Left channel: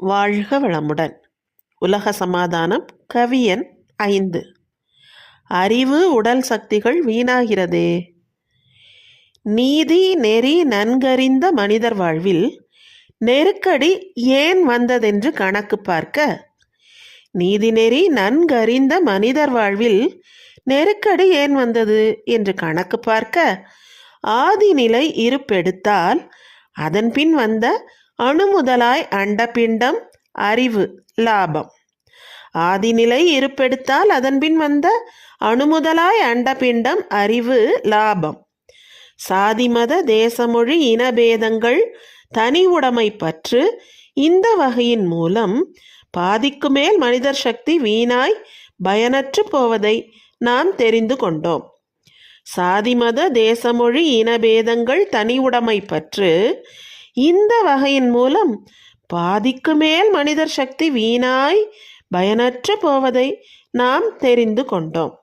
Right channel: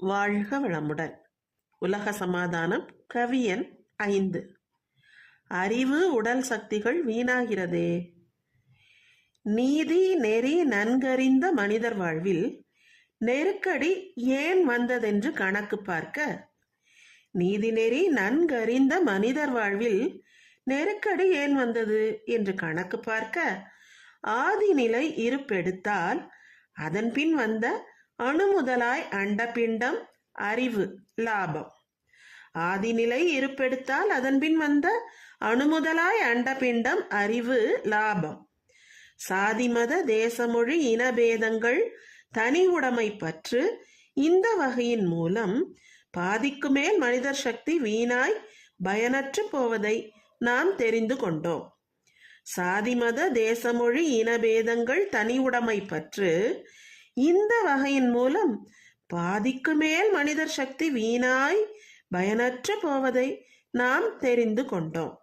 வாழ்க வளமுடன். உலக சமாதானம் கவியன் ஐந்து. அறிவு உடல் சக்திகள் வீணாகிறதே. நீதி நெறி நன்கறிந்த மனிதர் வாழ்வில் நெருக்கடி ஏன் வந்ததென்று கணக்கு பார்க்க. நீதிநெறி நன்கறிந்த மனிதர் வாழ்வில் நெருக்கடி ஏன் வந்தது என்று கணக்கு பார்க்க. ஆதிநிலை இருப்பெடுத்தால் அதன் பின் வந்த அணுமுதலாய் அண்டபிண்டம் அறிவு லாபம். ஆதிநிலை இருப்பெடுத்தால் அதன்பின் வந்த அணுமுதலாய் அண்டபிண்டம் அறிவு லாபம். சாதிமத தேசமொழி இனபேதங்கள் தனி உடைமை பற்று இந்த வகையின் மூலம் பாதிக்கு மேல் மனிதர் சக்தி வீணாய் பயனற்று போவதை நாம் தெரிந்து கொண்டோம். சாதிமத தேசமொழி இனபேதங்கள் தனி உடைமை பற்று இந்த வகையின் மூலம் பாதிக்கு மேல் மனிதர் சக்தி வீணாய் பயனற்று போவதை நாம் தெரிந்து கொண்டோம்.